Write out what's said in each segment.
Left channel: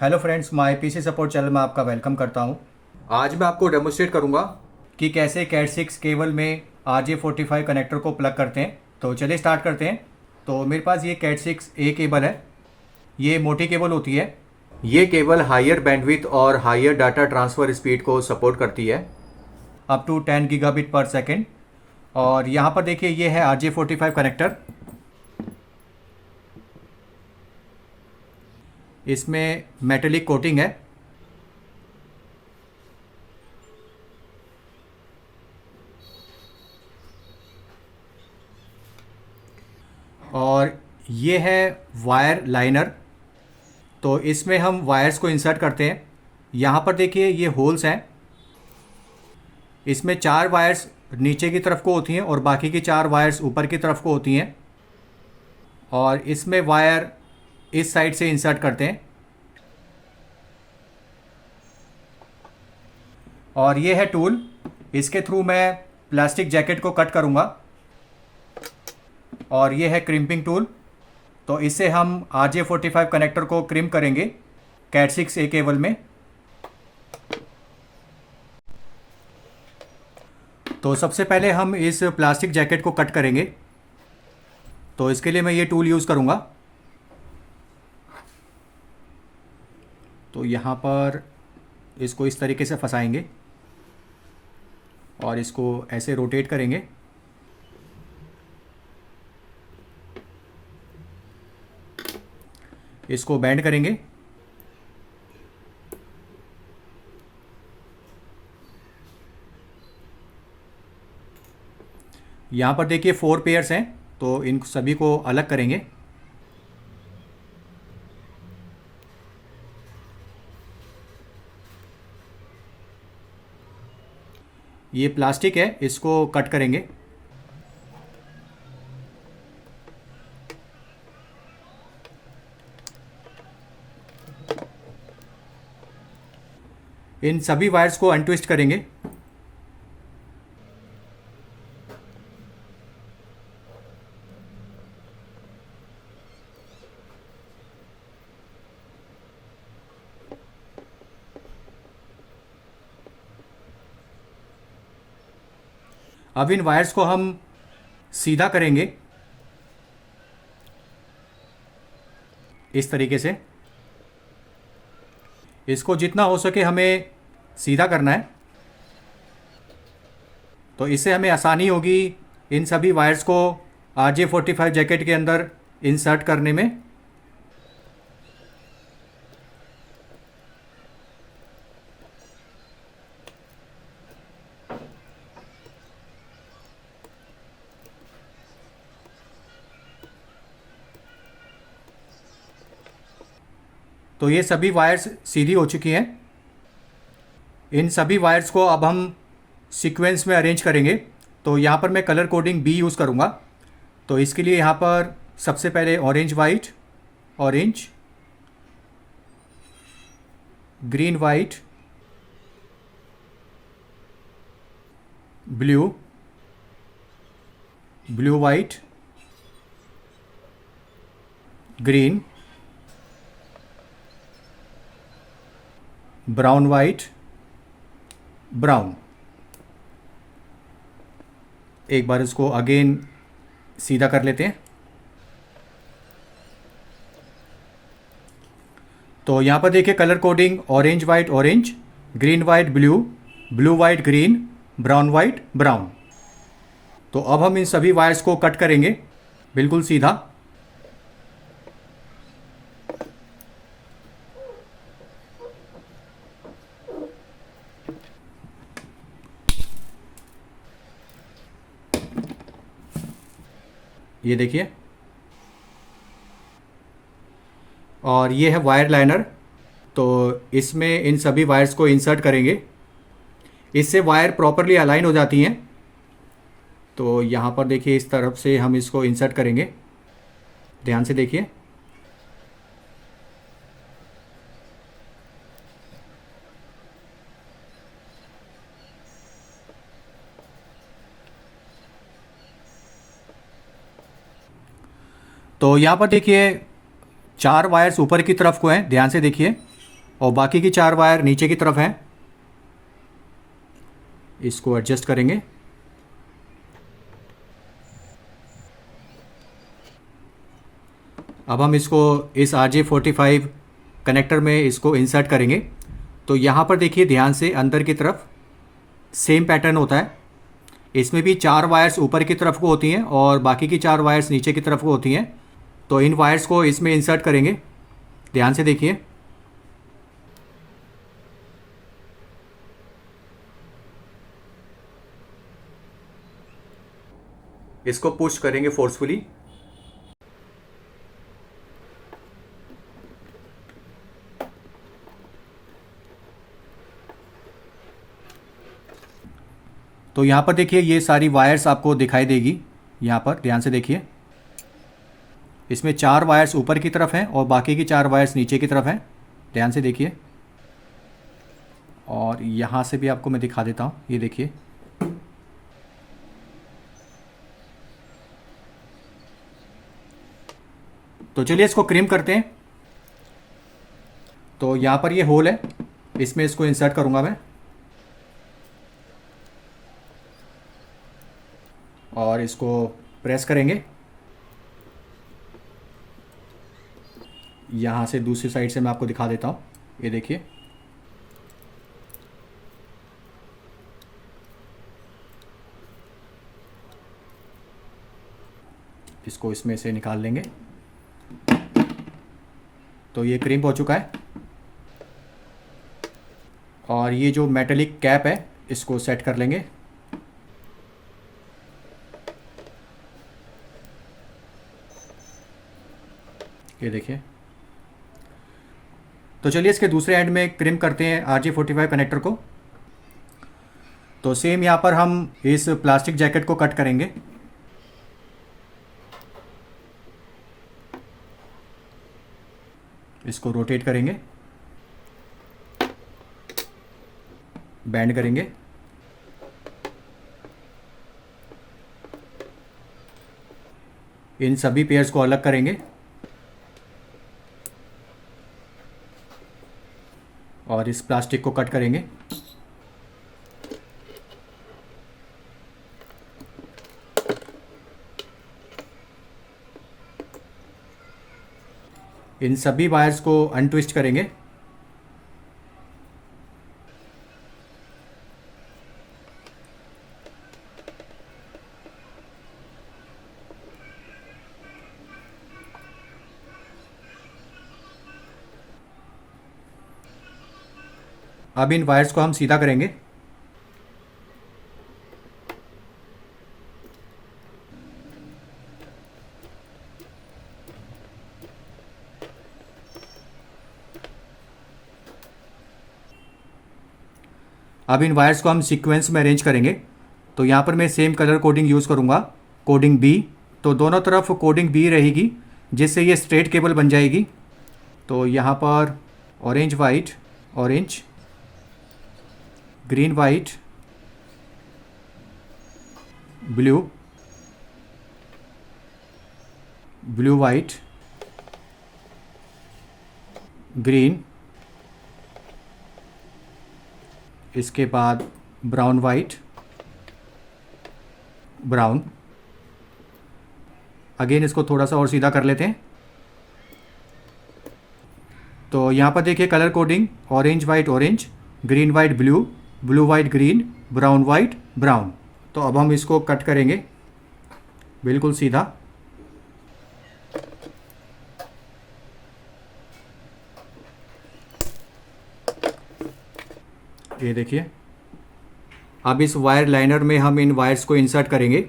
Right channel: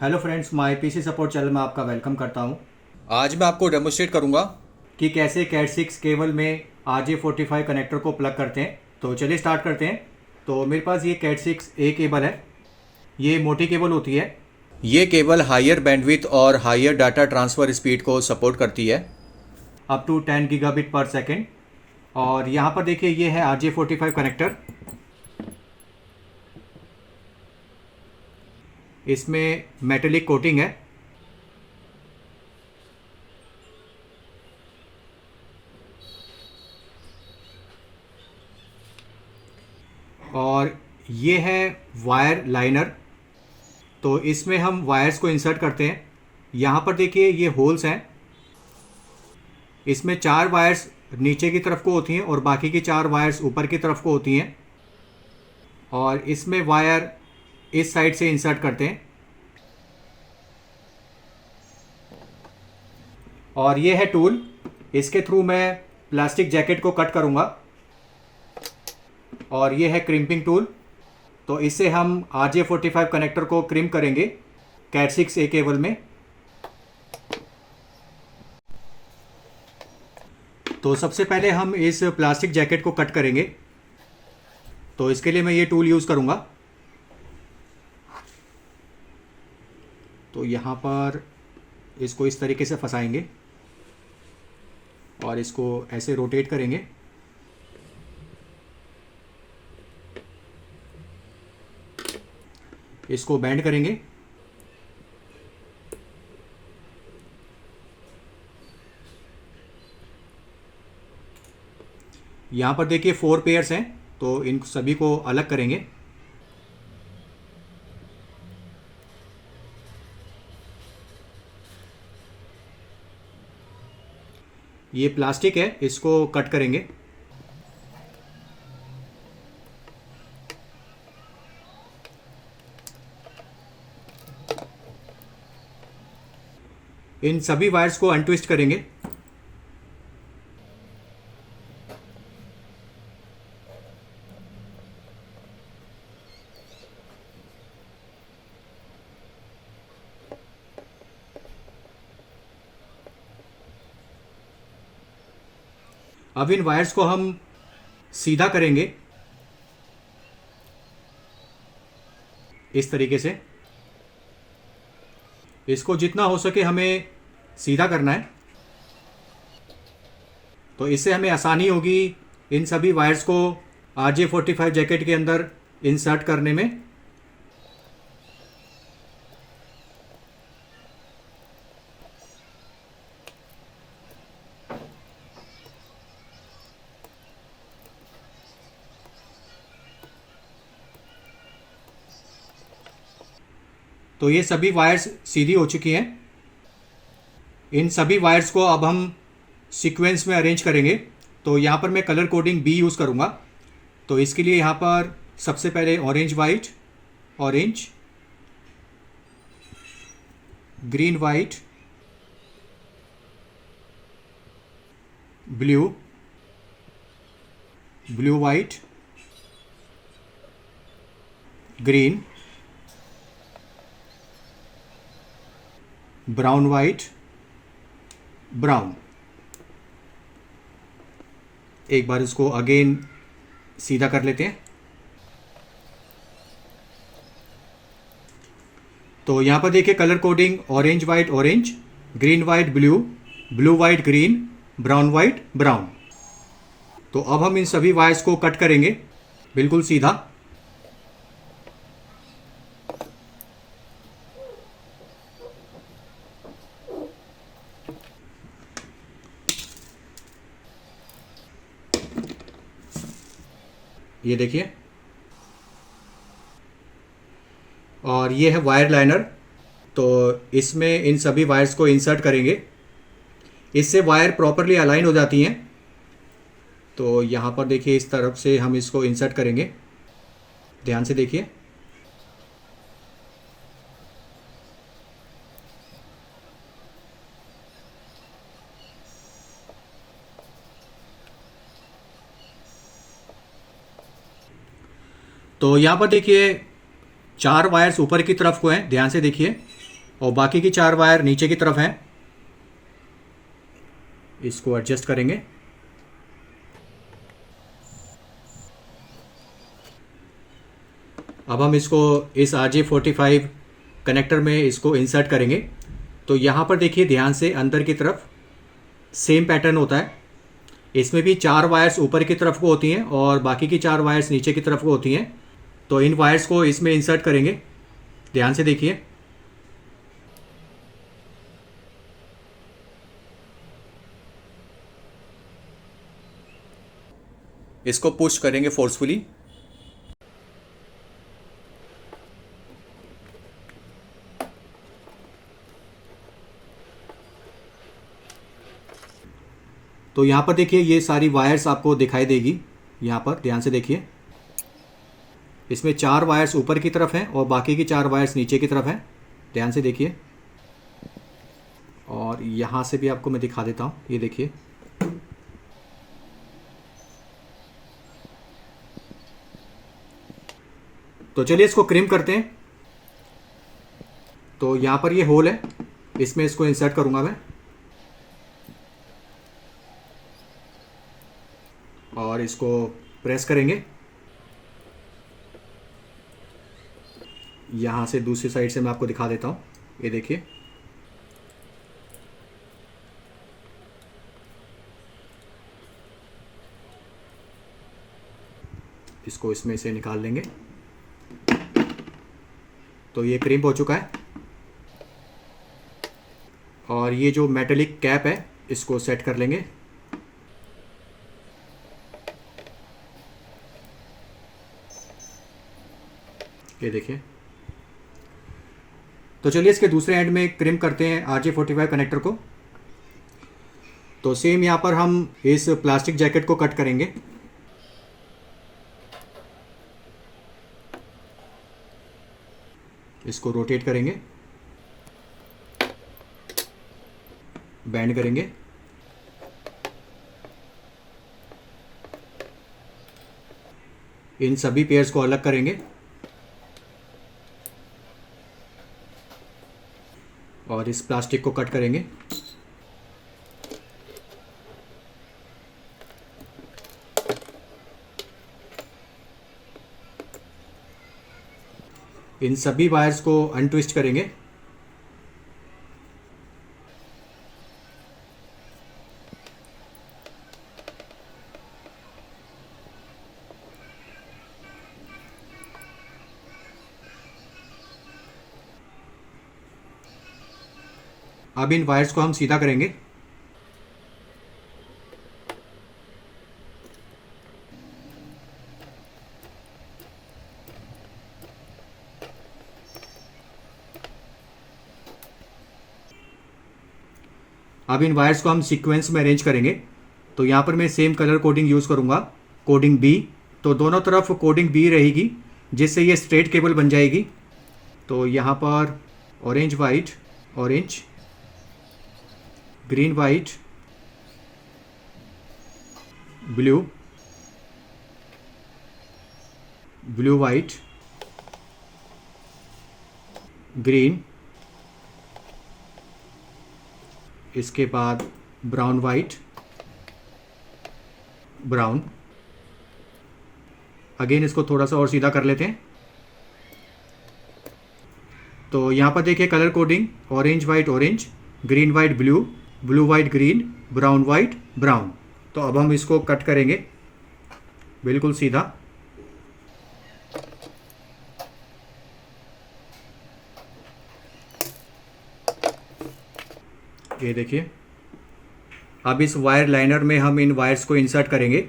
Hello friends, my PC support channel में आपका welcome करता हूं। आज मैं आपको डेमोस्ट्रेट करूंगा कि कैसे कैट 6 केबल में RJ45 कनेक्टर को प्लग करते हैं। तो चलिए स्टार्ट करते हैं। तो मेरे पास ये कैट 6A केबल है। ये मोटी केबल होती है। ये केबल हायर बैंडविड्थ और हायर डाटा ट्रांसफ़र स्पीड को सपोर्ट करती है, up to 10 gigabit per second. और यहाँ पर देखिए, ये है RJ45 कनेक्टर। इसमें मेटेलिक कोटिंग है। और ये है वायर लाइनर। तो इसमें हम वायर्स को इंसर्ट करते हैं। यहाँ पर देखिए, ये होल्स हैं। इसमें 4 वायर्स नीचे की तरफ को होती हैं और बाकी की 4 वायर्स ऊपर की तरफ को होती हैं। और इसमें वायर इस साइड से इंसर्ट करते हैं। और ये है टूल। इसके थ्रू मैं प्लास्टिक जैकेट को कट करूँगा। और ये है क्रिम्पिंग टूल। तो इससे हम RJ45 कनेक्टर को क्रिम्प करेंगे कैट 6A केबल में। तो सबसे पहले हम इस प्लास्टिक जैकेट को कट करेंगे। तो इसके लिए मैं ये टूल यूज़ करूँगा। तो यहाँ पर इसको इस तरीके से फंसाएंगे और इसको ऐसे रोटेट करेंगे। इसको बैंड करेंगे। यहाँ पर देखिए 4 पेयर्स हैं, तो इन सभी को अलग करेंगे। ये प्लास्टिक है, इसको कट करेंगे। इन सभी वायर्स को अनट्विस्ट करेंगे। अब इन वायर्स को हम सीधा करेंगे इस तरीके से। इसको जितना हो सके हमें सीधा करना है। तो इससे हमें आसानी होगी इन सभी वायर्स को RJ45 जैकेट के अंदर इंसर्ट करने में। तो ये सभी वायर्स सीधी हो चुकी हैं। इन सभी वायर्स को अब हम सीक्वेंस में अरेंज करेंगे। तो यहाँ पर मैं कलर कोडिंग B यूज़ करूँगा। तो इसके लिए यहाँ पर सबसे पहले orange white, orange, green white, blue, blue white, green, brown white, brown. एक बार इसको अगेन सीधा कर लेते हैं। तो यहाँ पर देखिए colour coding orange white orange, green white blue, blue white green, brown white brown. तो अब हम इन सभी वायर्स को कट करेंगे बिल्कुल सीधा। ये देखिए। और ये है वायर लाइनर। तो इसमें इन सभी वायर्स को इंसर्ट करेंगे। इससे वायर प्रॉपरली अलाइन हो जाती हैं। तो यहाँ पर देखिए, इस तरफ से हम इसको इंसर्ट करेंगे। ध्यान से देखिए। तो यहाँ पर देखिए 4 वायर्स ऊपर की तरफ को हैं, ध्यान से देखिए। और बाकी की 4 वायर नीचे की तरफ हैं। इसको एडजस्ट करेंगे। अब हम इसको इस RJ45 कनेक्टर में इसको इंसर्ट करेंगे। तो यहाँ पर देखिए ध्यान से, अंदर की तरफ सेम पैटर्न होता है। इसमें भी 4 वायर्स ऊपर की तरफ को होती हैं और बाकी की 4 वायर्स नीचे की तरफ को होती हैं। तो इन वायर्स को इसमें इंसर्ट करेंगे। ध्यान से देखिए। इसको पुश करेंगे फोर्सफुली। तो यहाँ पर देखिए ये सारी वायर्स आपको दिखाई देगी। यहाँ पर ध्यान से देखिए, इसमें 4 वायर्स ऊपर की तरफ हैं और बाकी की 4 वायर्स नीचे की तरफ हैं। ध्यान से देखिए। और यहाँ से भी आपको मैं दिखा देता हूँ, ये देखिए। तो चलिए इसको क्रिम करते हैं। तो यहाँ पर ये होल है, इसमें इसको इंसर्ट करूँगा मैं और इसको प्रेस करेंगे। यहाँ से दूसरी साइड से मैं आपको दिखा देता हूँ, ये देखिए। इसको इसमें से निकाल लेंगे। तो ये क्रिम हो चुका है। और ये जो मेटेलिक कैप है इसको सेट कर लेंगे। ये देखिए। तो चलिए इसके दूसरे एंड में क्रिम करते हैं RJ45 कनेक्टर को। तो सेम यहाँ पर हम इस प्लास्टिक जैकेट को कट करेंगे। इसको रोटेट करेंगे, बैंड करेंगे। इन सभी पेयर्स को अलग करेंगे और इस प्लास्टिक को कट करेंगे। इन सभी वायर्स को अनट्विस्ट करेंगे। अब इन वायर्स को हम सीधा करेंगे। अब इन वायर्स को हम सीक्वेंस में अरेंज करेंगे। तो यहाँ पर मैं सेम कलर कोडिंग यूज़ करूँगा, कोडिंग बी। तो दोनों तरफ कोडिंग बी रहेगी, जिससे ये स्ट्रेट केबल बन जाएगी। तो यहाँ पर orange white, orange, green white, blue, blue white, green, इसके बाद ब्राउन वाइट, ब्राउन। अगेन इसको थोड़ा सा और सीधा कर लेते हैं। तो यहाँ पर देखिए colour coding orange white orange, green white blue, blue white green, brown white brown. तो अब हम इसको कट करेंगे बिल्कुल सीधा। ये देखिए। अब इस वायर लाइनर में हम इन वायर्स को इंसर्ट करेंगे।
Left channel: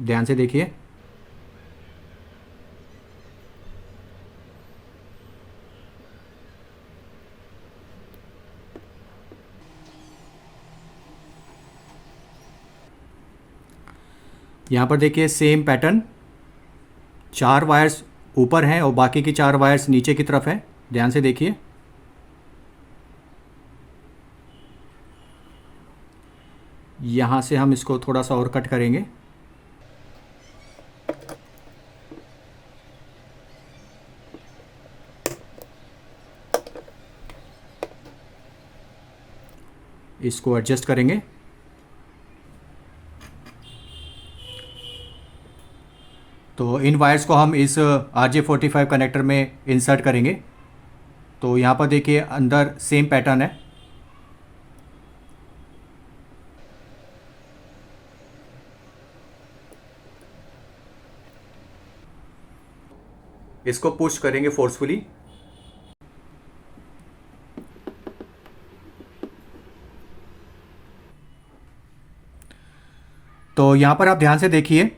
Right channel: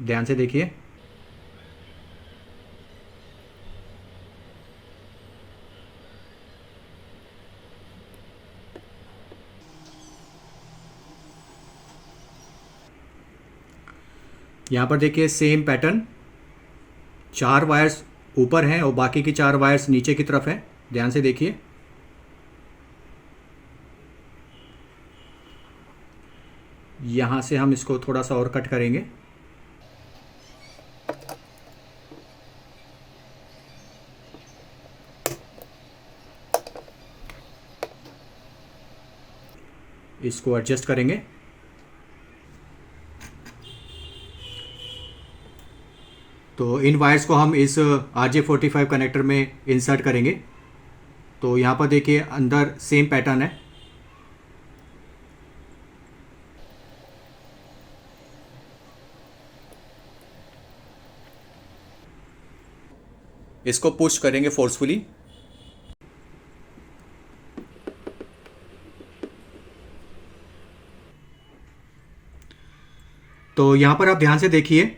ध्यान से देखिए। यहाँ पर देखिए सेम पैटर्न, 4 वायर्स ऊपर हैं और बाकी की 4 वायर्स नीचे की तरफ हैं। ध्यान से देखिए। यहाँ से हम इसको थोड़ा सा और कट करेंगे। इसको एडजस्ट करेंगे। तो इन वायर्स को हम इस RJ45 कनेक्टर में इंसर्ट करेंगे। तो यहाँ पर देखिए अंदर सेम पैटर्न है। इसको पुश करेंगे फोर्सफुली। तो यहाँ पर आप ध्यान से देखिए,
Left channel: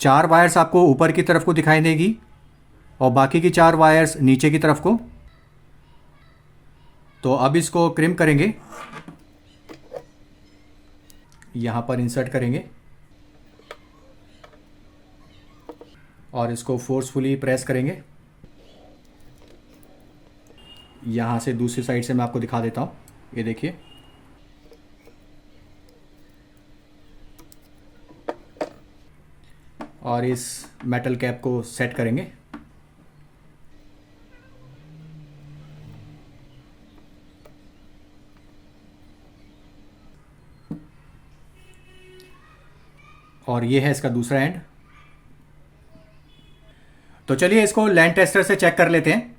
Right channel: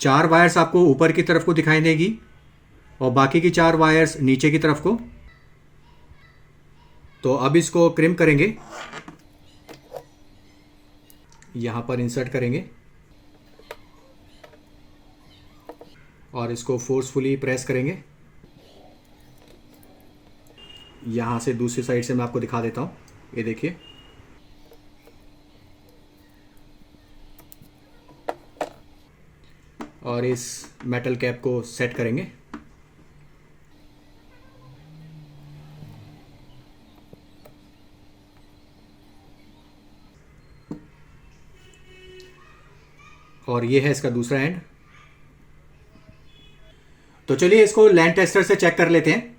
4 वायर्स आपको ऊपर की तरफ को दिखाई देगी और बाकी की 4 वायर्स नीचे की तरफ को। तो अब इसको क्रिम करेंगे, यहाँ पर इंसर्ट करेंगे और इसको फोर्सफुली प्रेस करेंगे। यहाँ से दूसरी साइड से मैं आपको दिखा देता हूँ, ये देखिए। और इस मेटल कैप को सेट करेंगे। और ये है इसका दूसरा एंड। तो चलिए इसको लैंड टेस्टर से चेक कर लेते हैं।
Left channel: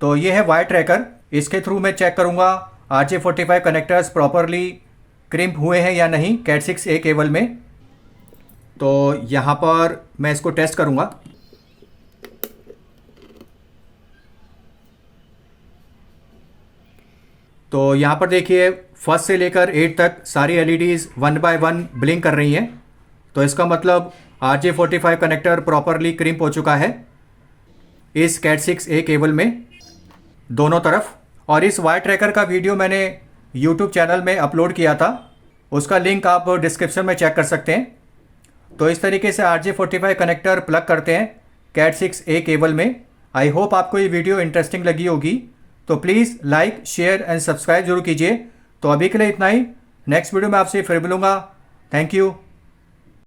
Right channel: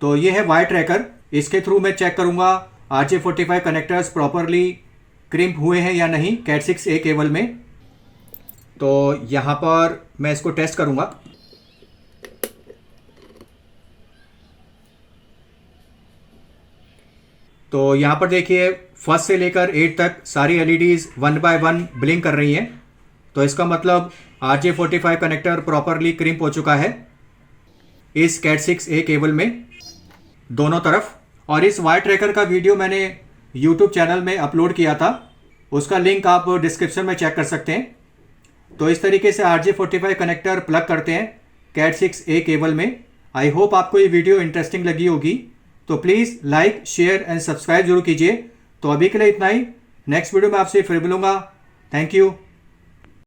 तो ये है वायर ट्रैकर, इसके थ्रू मैं चेक करूंगा RJ45 कनेक्टर्स प्रॉपरली क्रिम्प हुए हैं या नहीं कैट 6A केबल में। तो यहाँ पर मैं इसको टेस्ट करूंगा। तो यहाँ पर देखिए फर्स्ट से लेकर 8 तक सारी LEDs 1 बाय 1 ब्लिंक कर रही हैं। तो इसका मतलब RJ45 कनेक्टर प्रॉपरली क्रिम्प हो चुका है इस कैट 6A केबल में दोनों तरफ। और इस वायर ट्रैकर का वीडियो मैंने YouTube चैनल में अपलोड किया था, उसका लिंक आप डिस्क्रिप्शन में चेक कर सकते हैं। तो इस तरीके से RJ45 कनेक्टर प्लग करते हैं कैट 6A केबल में। आई होप आपको ये वीडियो इंटरेस्टिंग लगी होगी। तो please like, share and subscribe जरूर कीजिए। तो अभी के लिए इतना ही, नेक्स्ट वीडियो में आपसे फिर मिलूंगा। Thank you.